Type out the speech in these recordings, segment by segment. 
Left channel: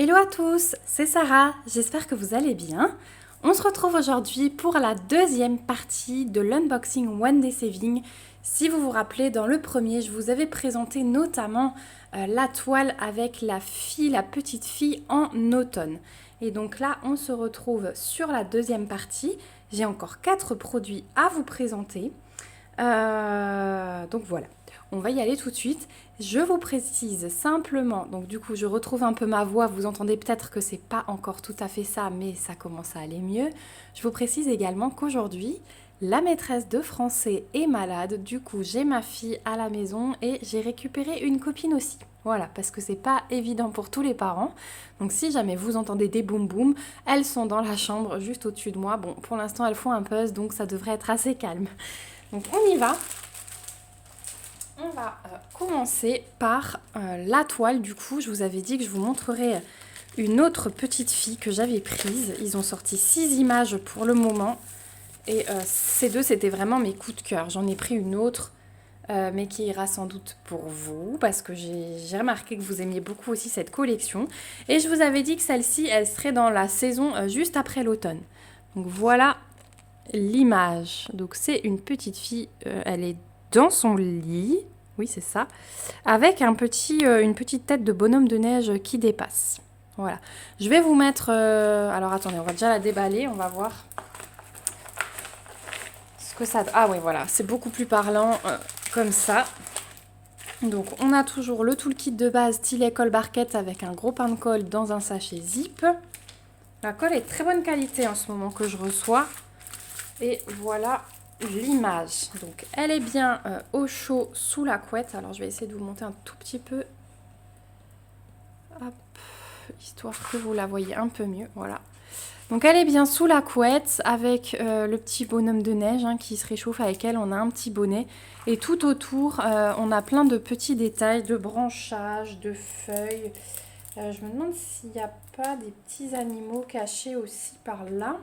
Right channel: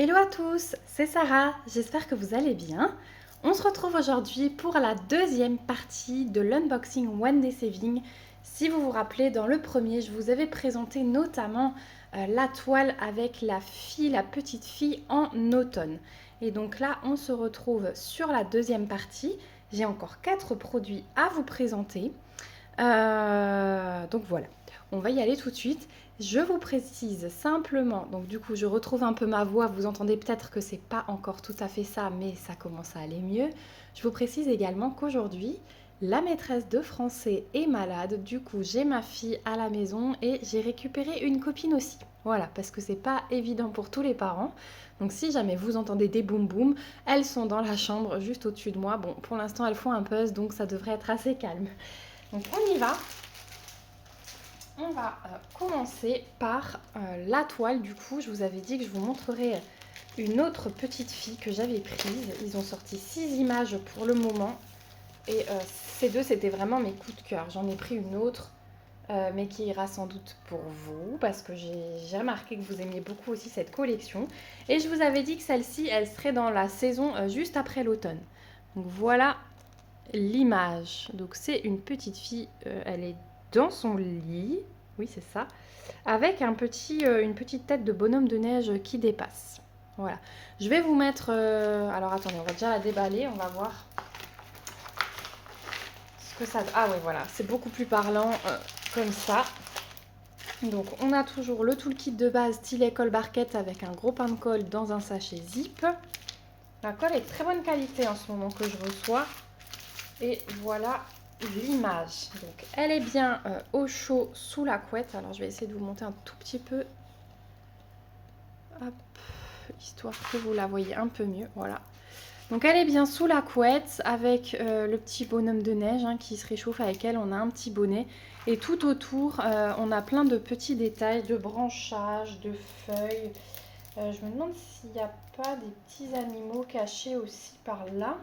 Hello à tous, c'est Sarah, j'espère que vous allez bien. On se retrouve aujourd'hui pour la deuxième partie de l'unboxing One Day Saving. Si vous vous rappelez, dans le premier, je vous avais présenté notamment la toile avec la petite fille en automne. Et donc là, on se retrouve sur la deuxième partie. J'ai encore 4 produits à vous présenter. Donc voilà, on va y aller tout de suite. Je vous précise simplement, donc du coup je retrouve un peu ma voix, vous entendez peut-être que c'est pas encore tout à fait ça, mais ça commence à aller mieux. Je vous précise également qu'aujourd'hui, la maîtresse de français est malade, du coup j'ai ma fille à la maison et j'ai récupéré une copine aussi. Voilà, parce que c'est pas évident pour tous les parents. Donc si jamais vous entendez des boum boum, elles sont dans la chambre juste au-dessus de moi. Bon, pour l'instant elles font un buzz, donc ça devrait être assez calme. Donc on y va. On va commencer par la toile. Du coup, je vous avais dit que je vous montrerai une autre petite fille que j'avais prise. Ils ont sorti 6 images pour le moment. Et ces deux, c'était vraiment mes coups de cœur. J'en ai pris une autre, mais qui ira sans doute pour vous, parce que j'ai remarqué que vous aimiez beaucoup aussi cette collection. Et je vous avais dit que celle-ci, elle serait dans la saison juste après l'automne. Donc voilà l'image. Donc c'est une petite fille, elle est dans son lit, oui c'est ça, avec une petite tête de bonhomme de neige qui dépasse. Voilà. Je vais vous mettre... alors attendez, on va déjà la déballer, on va voir ce que ça... Ah oui voilà, c'est beaucoup plus parlant comme ça. Donc on a toujours le toolkit de base stylet colle barquette avec un gros pain de colle dans un sachet zip. La colle est de très bonne qualité en ce moment que je reçois. Et voilà l'image. Donc elle est bien au chaud sous la couette. Alors je vais essayer de vous monter un tout petit peu. Hop, histoire que vous la voyez un peu mieux. Voilà. Donc elle est bien sous la couette avec le petit bonhomme de neige qui se réchauffe avec elle. On a un petit bonnet. Et tout autour, on a plein de petits détails, de branchages, de feuilles. Je me demande s'il n'y a pas des petits animaux cachés aussi par là.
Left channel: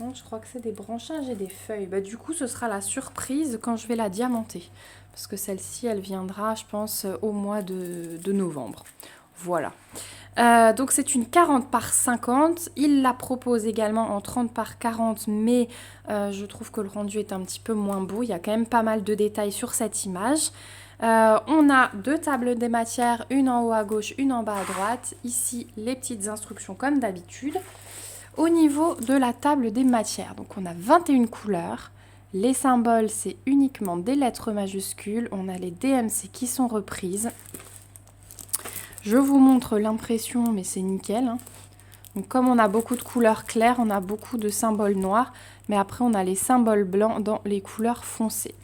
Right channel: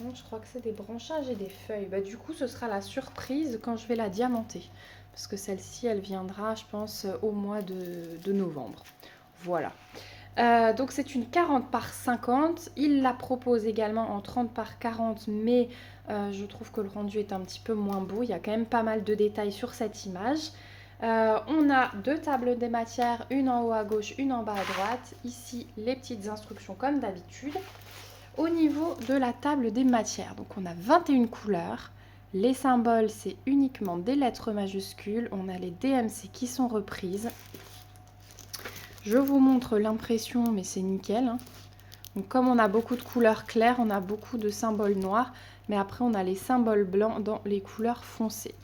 Non, je crois que c'est des branchages et des feuilles. Bah, du coup, ce sera la surprise quand je vais la diamanter. Parce que celle-ci, elle viendra, je pense, au mois de novembre. Voilà. Donc c'est une 40 par 50. Il la propose également en 30 par 40, mais je trouve que le rendu est un petit peu moins beau. Il y a quand même pas mal de détails sur cette image. On a 2 tables des matières, une en haut à gauche, une en bas à droite. Ici, les petites instructions comme d'habitude. Au niveau de la table des matières, donc on a 21 couleurs. Les symboles, c'est uniquement des lettres majuscules. On a les DMC qui sont reprises. Je vous montre l'impression, mais c'est nickel. Donc comme on a beaucoup de couleurs claires, on a beaucoup de symboles noirs. Mais après, on a les symboles blancs dans les couleurs foncées.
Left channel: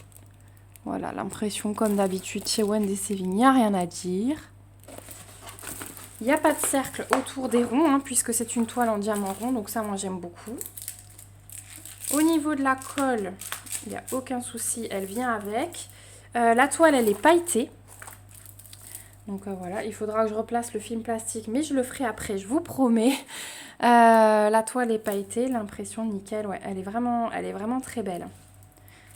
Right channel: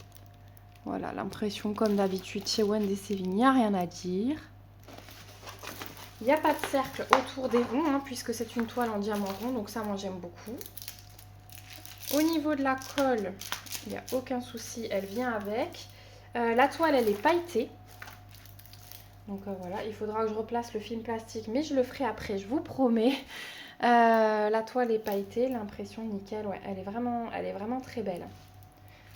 Voilà, l'impression comme d'habitude chez One Day Saving, il n'y a rien à dire. Il n'y a pas de cercle autour des ronds, puisque c'est une toile en diamant rond, donc ça, moi, j'aime beaucoup. Au niveau de la colle, il n'y a aucun souci, elle vient avec. La toile, elle est pailletée. Donc voilà, il faudra que je replace le film plastique, mais je le ferai après, je vous promets. La toile est pailletée, l'impression nickel, ouais, elle est vraiment très belle.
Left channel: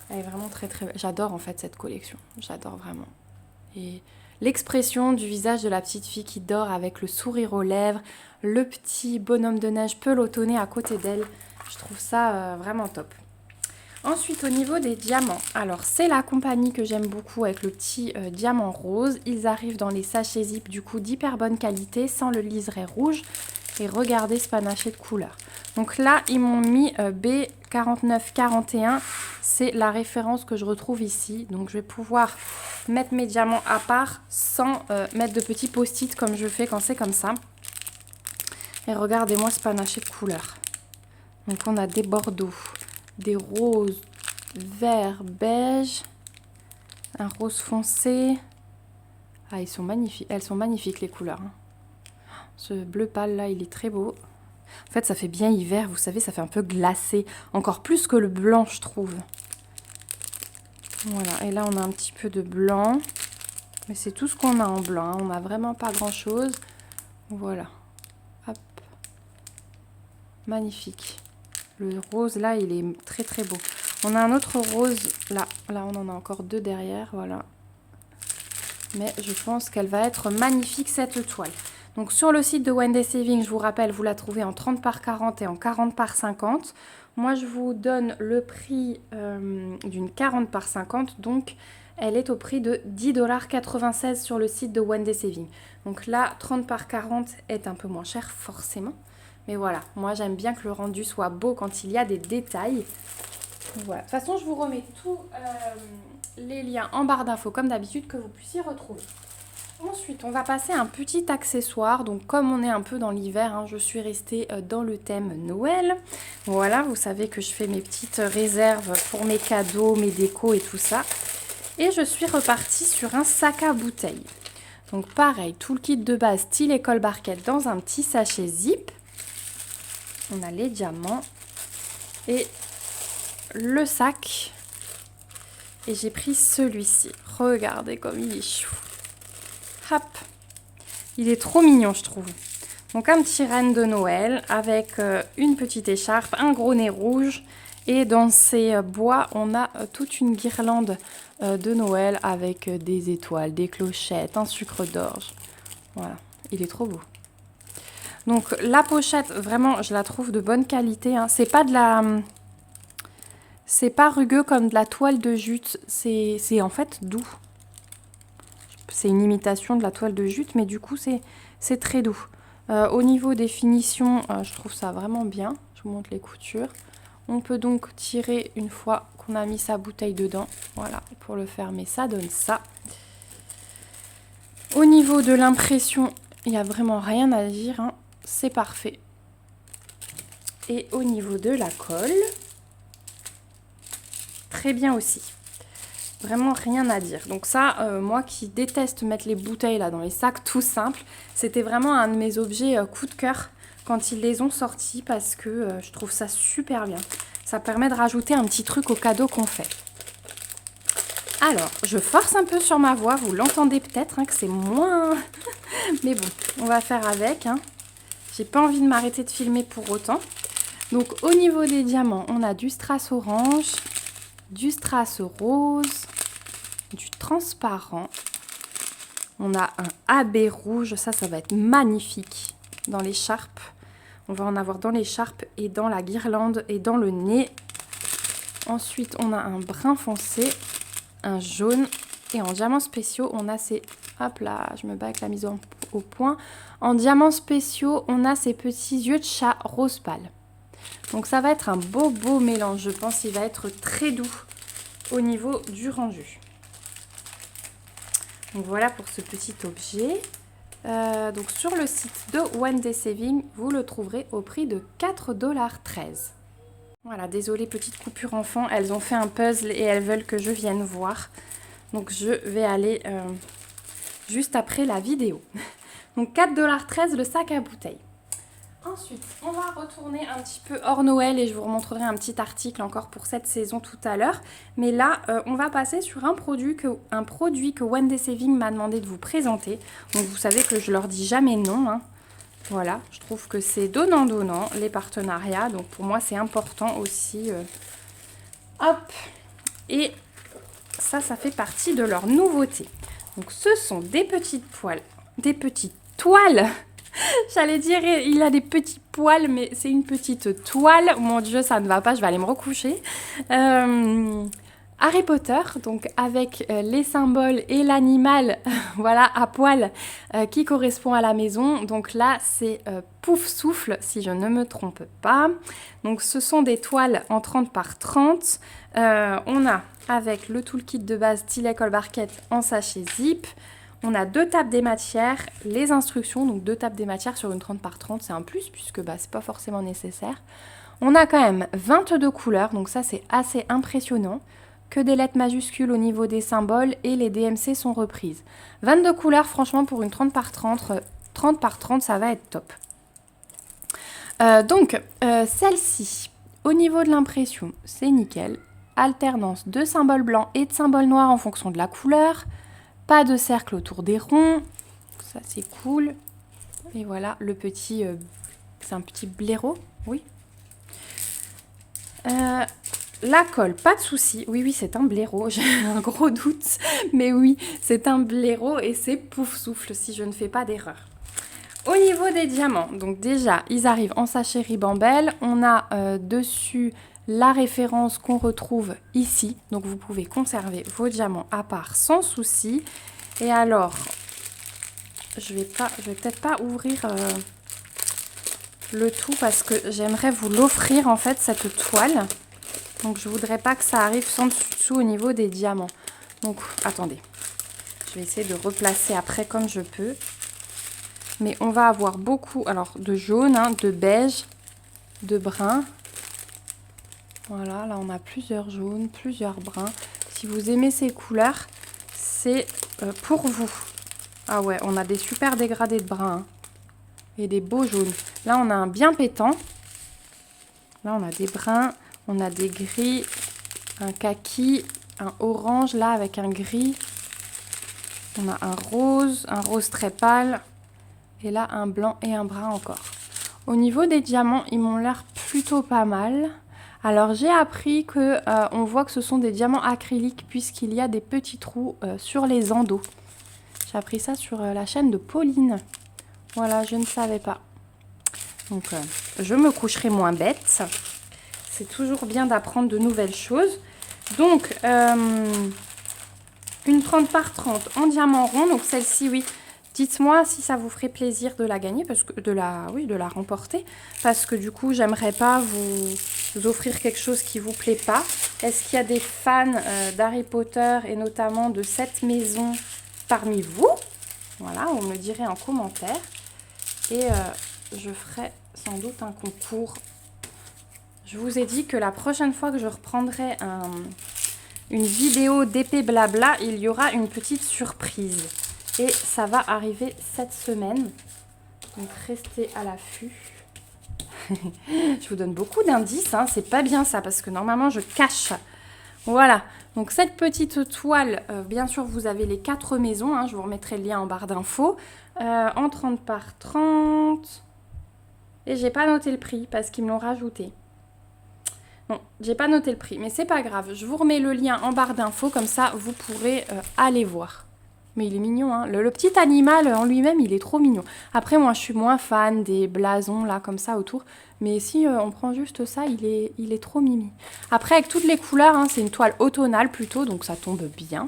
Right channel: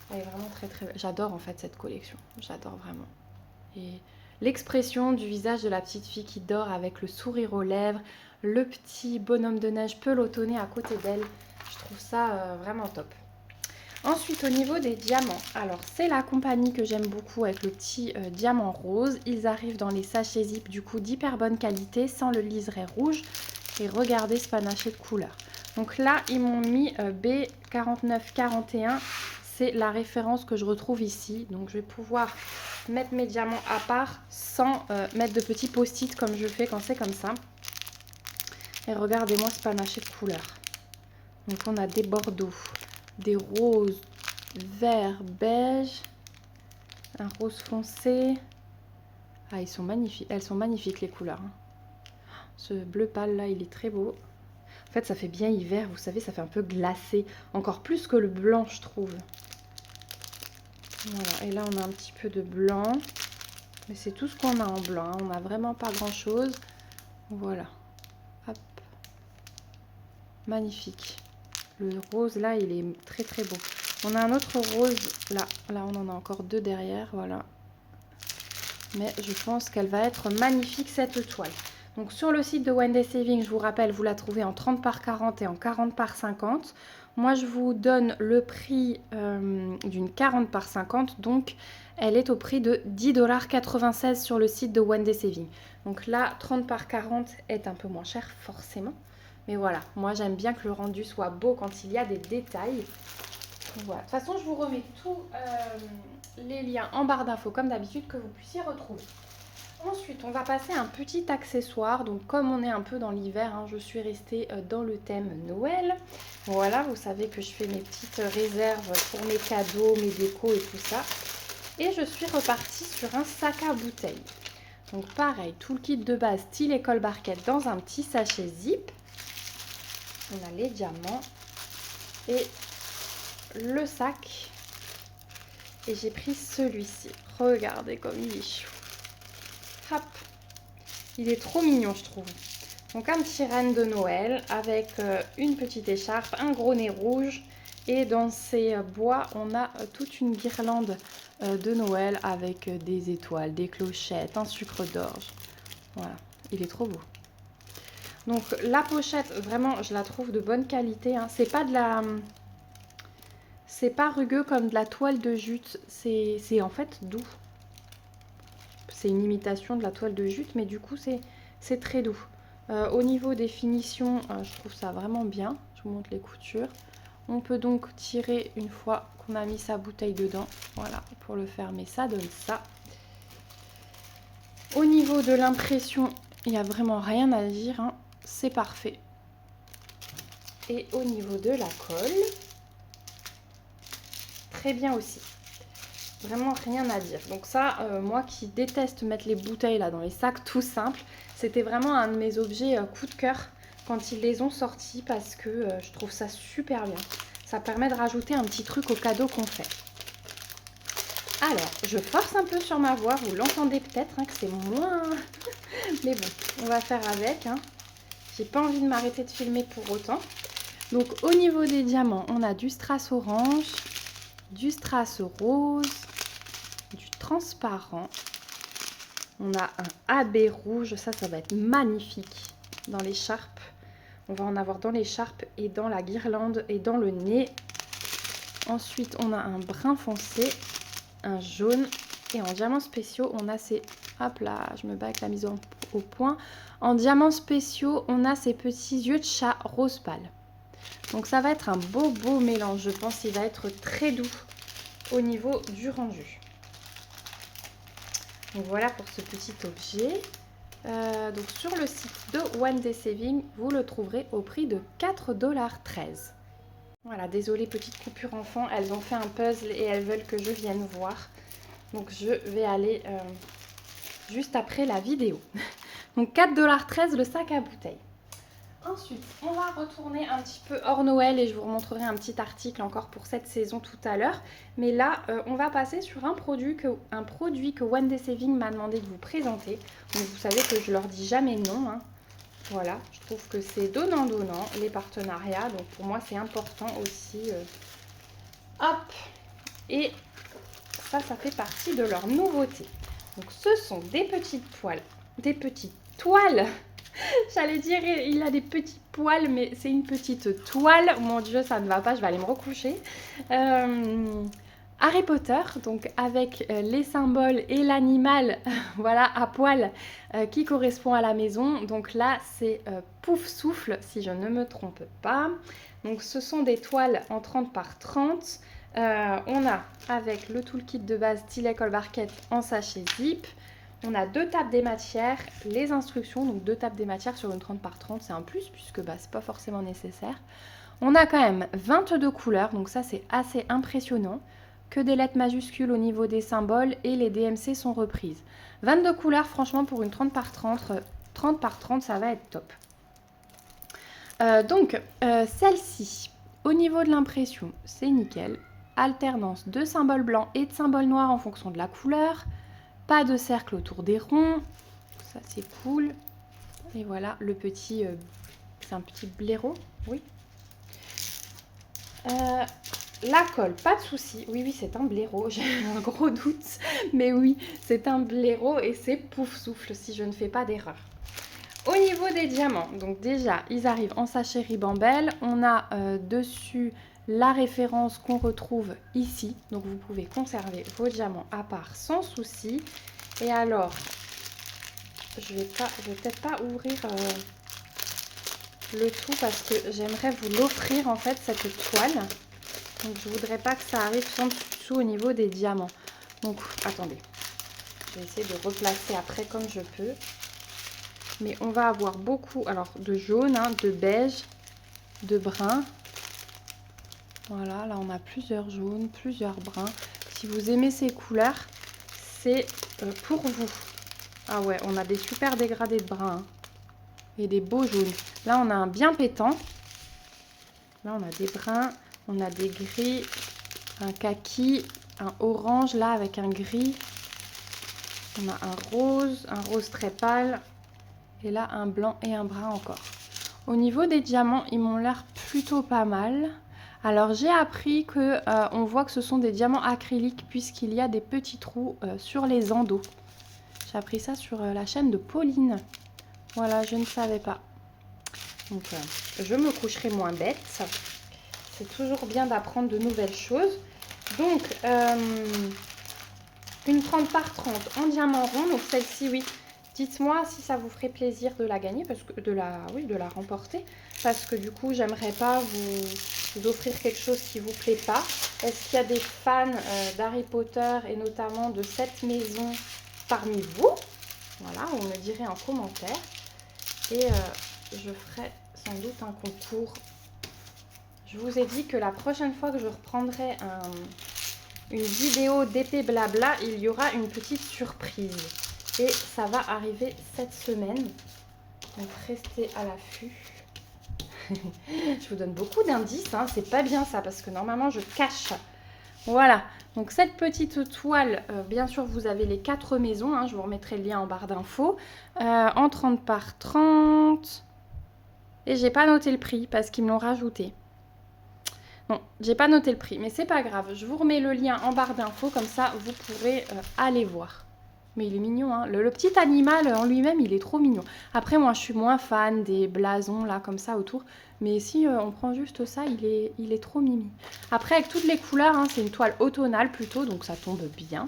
Elle est vraiment très très belle. J'adore en fait cette collection, j'adore vraiment. Et l'expression du visage de la petite fille qui dort avec le sourire aux lèvres, le petit bonhomme de neige pelotonné à côté d'elle, je trouve ça vraiment top. Ensuite, au niveau des diamants, alors c'est la compagnie que j'aime beaucoup avec le petit diamant rose. Ils arrivent dans les sachets zip du coup d'hyper bonne qualité, sans le liseré rouge. Et regardez ce panaché de couleurs. Donc là, ils m'ont mis B4941. C'est la référence que je retrouve ici. Donc je vais pouvoir mettre mes diamants à part sans mettre de petits post-it comme je le fais quand c'est comme ça. Et regardez-moi ce panaché de couleurs. Donc on a des bordeaux, des roses, vert, beige, un rose foncé. Ah, ils sont magnifiques. Elles sont magnifiques les couleurs. Ce bleu pâle là, il est très beau. En fait, ça fait bien hiver, vous savez, ça fait un peu glacé. Encore plus que le blanc, je trouve. Voilà, et là, on a un petit peu de blanc. Mais c'est tout ce qu'on a en blanc. On n'a vraiment pas grand-chose. Voilà. Hop. Magnifique. Le rose, là, il est très, très beau. On a un autre rose, là. Là, on en a encore 2 derrière, voilà. Mais je pense qu'elle va être magnifique cette toile. Donc sur le site de One Day Saving, je vous rappelle, vous la trouvez en 30 par 40 et en 40 par 50. Moi, je vous donne le prix d'une 40 par 50. Donc, elle est au prix de 10,96 $ sur le site de One Day Saving. Donc là, 30 par 40 est un peu moins cher, forcément. Mais voilà, moi, j'aime bien que le rendu soit beau quand il y a des détails. Donc, voilà. De toute façon, je vous remets tous les liens en barre d'infos, comme d'habitude, que vous puissiez retrouver. Ensuite, on va passer à un petit accessoire. Donc, comme on est un peu dans l'hiver, je suis restée dans le thème Noël. Voilà, vous savez que je fais mes petites réserves pour mes cadeaux, mes décos et tout ça. Et je suis repartie sur un sac à bouteilles. Donc, pareil, tout le kit de base style école barquette dans un petit sachet zip. On a les diamants et le sac. Et j'ai pris celui-ci. Regardez comme il est chou. Hop. Il est trop mignon, je trouve. Donc un petit renne de Noël avec une petite écharpe, un gros nez rouge. Et dans ces bois, on a toute une guirlande de Noël avec des étoiles, des clochettes, un sucre d'orge. Voilà, il est trop beau. Donc la pochette, vraiment, je la trouve de bonne qualité. C'est pas de la... C'est pas rugueux comme de la toile de jute. C'est en fait doux. C'est une imitation de la toile de jute, mais du coup, c'est très doux. Au niveau des finitions, je trouve ça vraiment bien. Je vous montre les coutures. On peut donc tirer une fois qu'on a mis sa bouteille dedans. Voilà, pour le fermer, ça donne ça. Au niveau de l'impression, il n'y a vraiment rien à dire. C'est parfait. Et au niveau de la colle, très bien aussi. Vraiment rien à dire. Donc ça, moi qui déteste mettre les bouteilles là dans les sacs tout simples, c'était vraiment un de mes objets coup de cœur quand ils les ont sortis parce que je trouve ça super bien. Ça permet de rajouter un petit truc au cadeau qu'on fait. Alors, je force un peu sur ma voix, vous l'entendez peut-être que c'est moins... Mais bon, on va faire avec. J'ai pas envie de m'arrêter de filmer pour autant. Donc au niveau des diamants, on a du strass orange, du strass rose, du transparent. On a un AB rouge, ça va être magnifique dans l'écharpe. On va en avoir dans l'écharpe et dans la guirlande et dans le nez. Ensuite, on a un brun foncé, un jaune et en diamants spéciaux, on a ces... Hop là, je me bats avec la mise au point. En diamants spéciaux, on a ces petits yeux de chat rose pâle. Donc ça va être un beau mélange, je pense qu'il va être très doux au niveau du rendu. Donc voilà pour ce petit objet. Donc sur le site de One Day Saving, vous le trouverez au prix de 4,13 $. Voilà, désolée, petite coupure enfant, elles ont fait un puzzle et elles veulent que je vienne voir. Donc je vais aller juste après la vidéo. Donc 4,13 $ le sac à bouteilles. Ensuite, on va retourner un petit peu hors Noël et je vous remontrerai un petit article encore pour cette saison tout à l'heure. Mais là, on va passer sur un produit que One Day Saving m'a demandé de vous présenter. Donc vous savez que je leur dis jamais non. Voilà, je trouve que c'est donnant-donnant les partenariats. Donc pour moi, c'est important aussi. Hop. Et ça fait partie de leur nouveauté. Donc ce sont des petites toiles. J'allais dire, il a des petits poils, mais c'est une petite toile. Mon Dieu, ça ne va pas, je vais aller me recoucher. Harry Potter, donc avec les symboles et l'animal, voilà, à poil, qui correspond à la maison. Donc là, c'est Pouf Souffle, si je ne me trompe pas. Donc ce sont des toiles en 30 par 30. On a, avec le toolkit de base style école barquette en sachet zip, on a 2 tables des matières, les instructions, donc 2 tables des matières sur une 30 par 30, c'est un plus puisque c'est pas forcément nécessaire. On a quand même 22 couleurs, donc ça c'est assez impressionnant, que des lettres majuscules au niveau des symboles et les DMC sont reprises. 22 couleurs, franchement pour une 30 par 30, ça va être top. Celle-ci, au niveau de l'impression, c'est nickel. Alternance de symboles blancs et de symboles noirs en fonction de la couleur. Pas de cercle autour des ronds, ça c'est cool. Et voilà le petit, c'est un petit blaireau, oui. la colle, pas de souci. Oui, oui, c'est un blaireau. J'ai un gros doute. Mais oui, c'est un blaireau et c'est pouf souffle si je ne fais pas d'erreur. Au niveau des diamants, donc déjà, ils arrivent en sachet Ribambelle. On a dessus la référence qu'on retrouve ici. Donc vous pouvez conserver vos diamants à part sans souci. Et alors, je vais peut-être pas ouvrir le tout parce que j'aimerais vous l'offrir en fait, cette toile. Donc je voudrais pas que ça arrive sans dessous au niveau des diamants. Donc attendez, je vais essayer de replacer après comme je peux. Mais on va avoir beaucoup alors de jaune, hein, de beige, de brun. Voilà, là on a plusieurs jaunes, plusieurs bruns. Si vous aimez ces couleurs, c'est pour vous. Ah ouais, on a des super dégradés de brun hein, et des beaux jaunes. Là on a un bien pétant. Là on a des bruns, on a des gris, un kaki, un orange là avec un gris. On a un rose très pâle. Et là, un blanc et un brun encore. Au niveau des diamants, ils m'ont l'air plutôt pas mal. Alors, j'ai appris que on voit que ce sont des diamants acryliques puisqu'il y a des petits trous sur les endos. J'ai appris ça sur la chaîne de Pauline. Voilà, je ne savais pas. Donc, je me coucherai moins bête. C'est toujours bien d'apprendre de nouvelles choses. Donc, une 30 par 30 en diamant rond. Donc, celle-ci, oui. Dites-moi si ça vous ferait plaisir de la gagner, parce que de la remporter, parce que du coup, j'aimerais pas vous offrir quelque chose qui vous plaît pas. Est-ce qu'il y a des fans d'Harry Potter et notamment de cette maison parmi vous? Voilà, vous me direz en commentaire. Et je ferai sans doute un concours. Je vous ai dit que la prochaine fois que je reprendrai une vidéo d'épée blabla, il y aura une petite surprise. Et ça va arriver cette semaine. Donc restez à l'affût. Je vous donne beaucoup d'indices. Hein. C'est pas bien ça parce que normalement je cache. Voilà. Donc cette petite toile, bien sûr vous avez les 4 maisons. Hein. Je vous remettrai le lien en barre d'infos. En 30 par 30. Et j'ai pas noté le prix parce qu'ils me l'ont rajouté. Non, j'ai pas noté le prix. Mais c'est pas grave. Je vous remets le lien en barre d'infos. Comme ça vous pourrez aller voir. Mais il est mignon, hein. Le petit animal en lui-même, il est trop mignon. Après, moi, je suis moins fan des blasons, là, comme ça, autour. Mais si on prend juste ça, il est trop mimi. Après, avec toutes les couleurs, hein, c'est une toile automnale plutôt, donc ça tombe bien.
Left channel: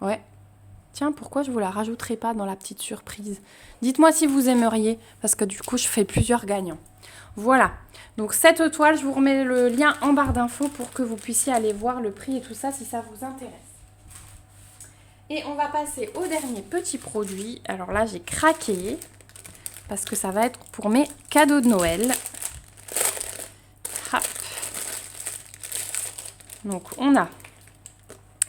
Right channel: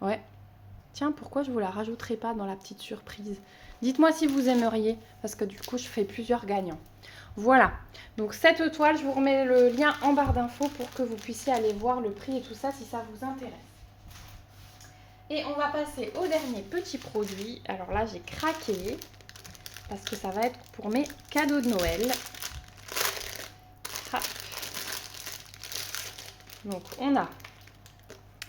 Ouais. Tiens, pourquoi je vous la rajouterai pas dans la petite surprise? Dites-moi si vous aimeriez, parce que du coup, je fais plusieurs gagnants. Voilà. Donc, cette toile, je vous remets le lien en barre d'infos pour que vous puissiez aller voir le prix et tout ça, si ça vous intéresse. Et on va passer au dernier petit produit. Alors là, j'ai craqué parce que ça va être pour mes cadeaux de Noël. Hop. Donc, on a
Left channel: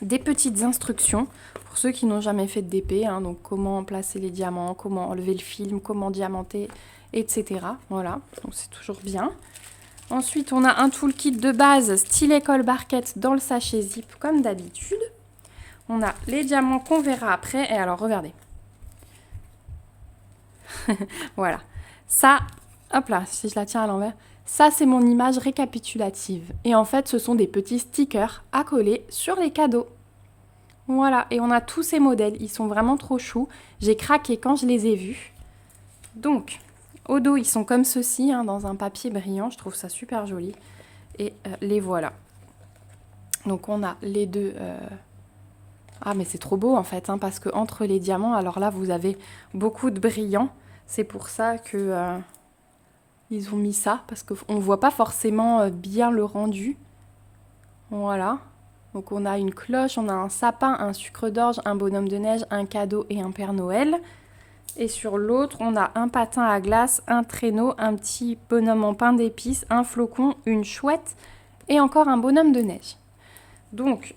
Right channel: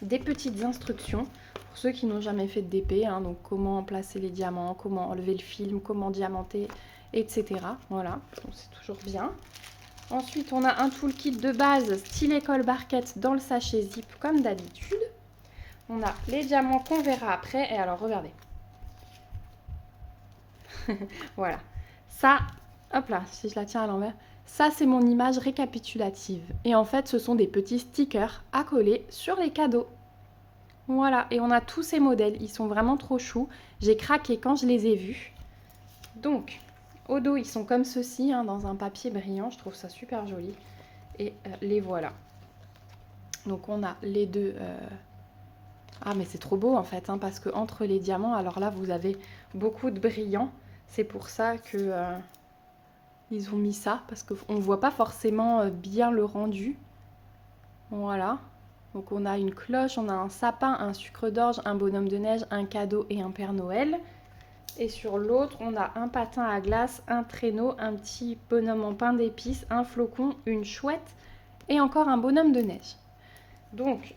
des petites instructions pour ceux qui n'ont jamais fait de DP. Hein, donc, comment placer les diamants, comment enlever le film, comment diamanter, etc. Voilà, donc c'est toujours bien. Ensuite, on a un toolkit de base stylet colle barquette dans le sachet zip comme d'habitude. On a les diamants qu'on verra après. Et alors, regardez. Voilà. Ça, hop là, si je la tiens à l'envers. Ça, c'est mon image récapitulative. Et en fait, ce sont des petits stickers à coller sur les cadeaux. Voilà. Et on a tous ces modèles. Ils sont vraiment trop choux. J'ai craqué quand je les ai vus. Donc, au dos, ils sont comme ceci, hein, dans un papier brillant. Je trouve ça super joli. Et les voilà. Donc, on a les deux... Ah mais c'est trop beau en fait, hein, parce que entre les diamants, alors là vous avez beaucoup de brillants. C'est pour ça que ils ont mis ça, parce qu'on ne voit pas forcément bien le rendu. Voilà. Donc on a une cloche, on a un sapin, un sucre d'orge, un bonhomme de neige, un cadeau et un Père Noël. Et sur l'autre, on a un patin à glace, un traîneau, un petit bonhomme en pain d'épices, un flocon, une chouette et encore un bonhomme de neige. Donc,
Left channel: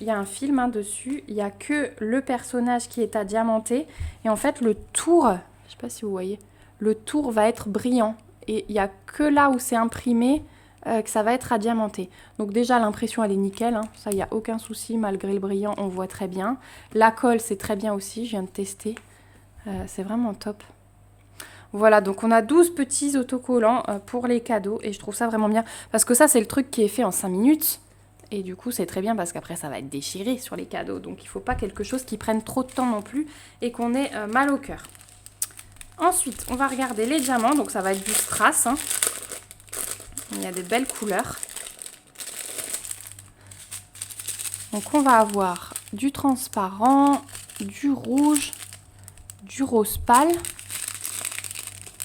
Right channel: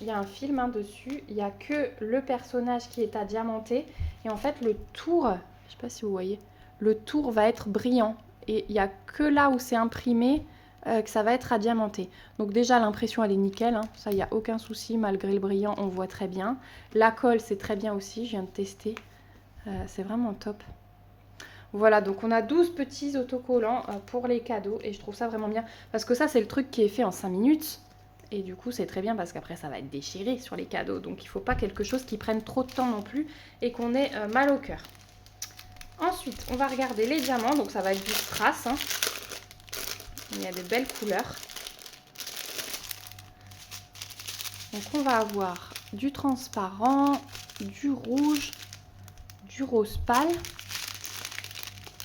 il y a un film hein, dessus, il n'y a que le personnage qui est à diamanter. Et en fait, le tour, je ne sais pas si vous voyez, le tour va être brillant. Et il n'y a que là où c'est imprimé que ça va être à diamanter. Donc déjà, l'impression, elle est nickel. Hein. Ça, il n'y a aucun souci, malgré le brillant, on voit très bien. La colle, c'est très bien aussi, je viens de tester. C'est vraiment top. Voilà, donc on a 12 petits autocollants pour les cadeaux et je trouve ça vraiment bien. Parce que ça, c'est le truc qui est fait en 5 minutes. Et du coup, c'est très bien parce qu'après, ça va être déchiré sur les cadeaux. Donc il ne faut pas quelque chose qui prenne trop de temps non plus et qu'on ait mal au cœur. Ensuite, on va regarder les diamants. Donc ça va être du strass. Hein. Il y a des belles couleurs. Donc on va avoir du transparent, du rouge, du rose pâle,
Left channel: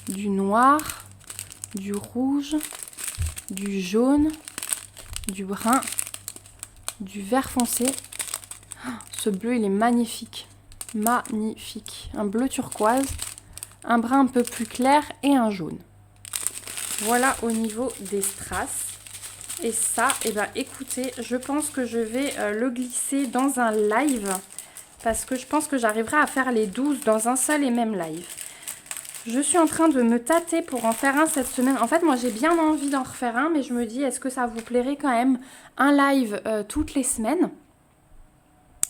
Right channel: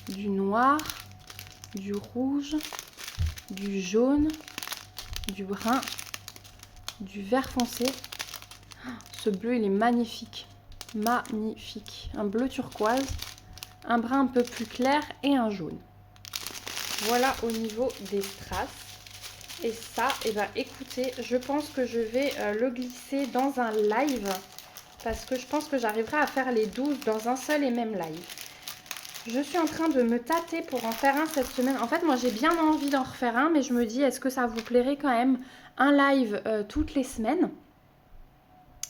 du noir, du rouge, du jaune, du brun, du vert foncé. Ce bleu, il est magnifique. Magnifique. Un bleu turquoise, un brun un peu plus clair et un jaune. Voilà au niveau des strass. Et ça, eh ben, écoutez, je pense que je vais le glisser dans un live. Parce que je pense que j'arriverai à faire les 12 dans un seul et même live. Je suis en train de me tâter pour en faire un cette semaine. En fait, moi, j'ai bien envie d'en refaire un, mais je me dis, est-ce que ça vous plairait quand même un live toutes les semaines?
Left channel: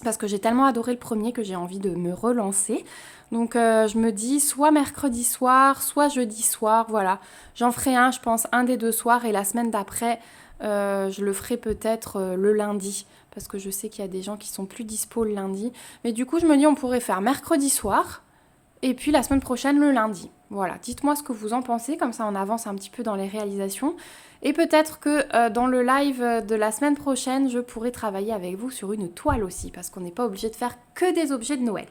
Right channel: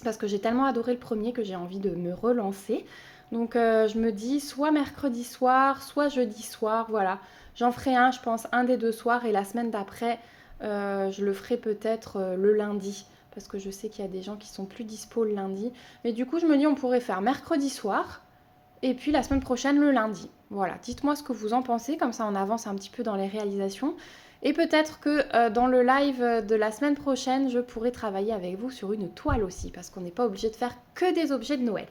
Parce que j'ai tellement adoré le premier que j'ai envie de me relancer. Donc, je me dis, soit mercredi soir, soit jeudi soir, voilà. J'en ferai un, je pense, un des 2 soirs. Et la semaine d'après, je le ferai peut-être le lundi. Parce que je sais qu'il y a des gens qui sont plus dispo le lundi. Mais du coup, je me dis, on pourrait faire mercredi soir. Et puis la semaine prochaine, le lundi. Voilà, dites-moi ce que vous en pensez, comme ça on avance un petit peu dans les réalisations. Et peut-être que dans le live de la semaine prochaine, je pourrai travailler avec vous sur une toile aussi, parce qu'on n'est pas obligé de faire que des objets de Noël.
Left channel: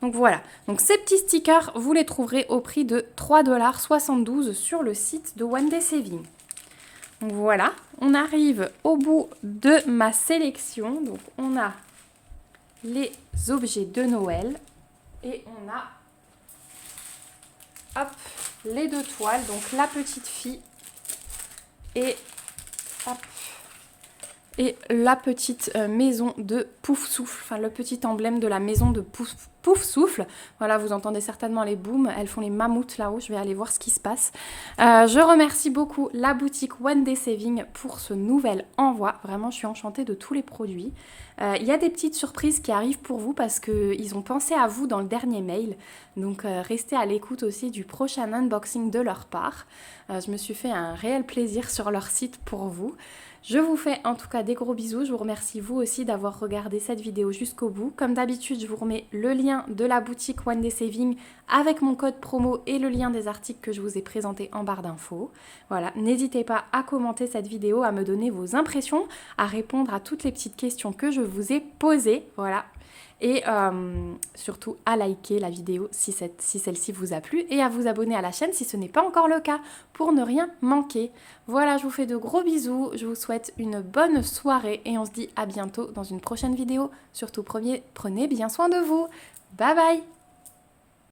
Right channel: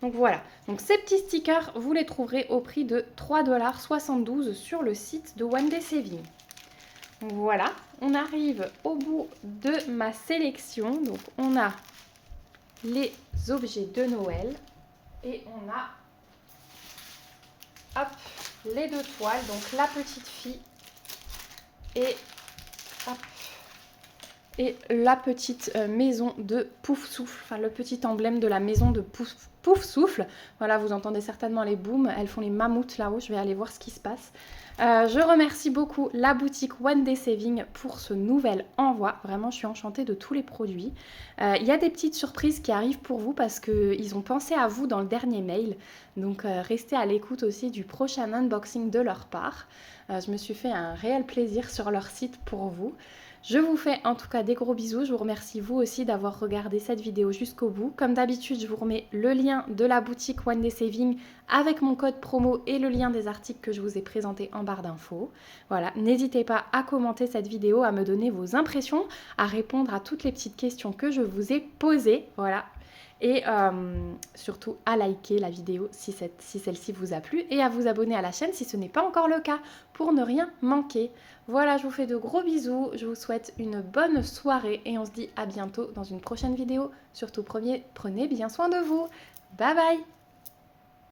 Donc voilà, donc ces petits stickers, vous les trouverez au prix de 3,72 $ sur le site de One Day Saving. Donc voilà, on arrive au bout de ma sélection. Donc on a les objets de Noël et on a hop, les 2 toiles, donc la petite fille et, hop, et la petite maison de Pouf Souffle, enfin le petit emblème de la maison de Pouf Souffle. Voilà, vous entendez certainement les booms, elles font les mammouths là-haut, je vais aller voir ce qui se passe. Je remercie beaucoup la boutique One Day Saving pour ce nouvel envoi. Vraiment, je suis enchantée de tous les produits. Il y a des petites surprises qui arrivent pour vous parce qu'ils ont pensé à vous dans le dernier mail. Donc restez à l'écoute aussi du prochain unboxing de leur part. Je me suis fait un réel plaisir sur leur site pour vous. Je vous fais en tout cas des gros bisous. Je vous remercie vous aussi d'avoir regardé cette vidéo jusqu'au bout. Comme d'habitude, je vous remets le lien de la boutique One Day Saving avec mon code promo et le lien des articles que je vous ai présentés en barre d'infos. Voilà, n'hésitez pas à commenter cette vidéo, à me donner vos impressions, à répondre à toutes les petites questions que je vous ai posées. Voilà. Et surtout à liker la vidéo si celle-ci vous a plu et à vous abonner à la chaîne si ce n'est pas encore le cas pour ne rien manquer. Voilà, je vous fais de gros bisous, je vous souhaite une bonne soirée et on se dit à bientôt dans une prochaine vidéo. Surtout prenez bien soin de vous. Bye bye!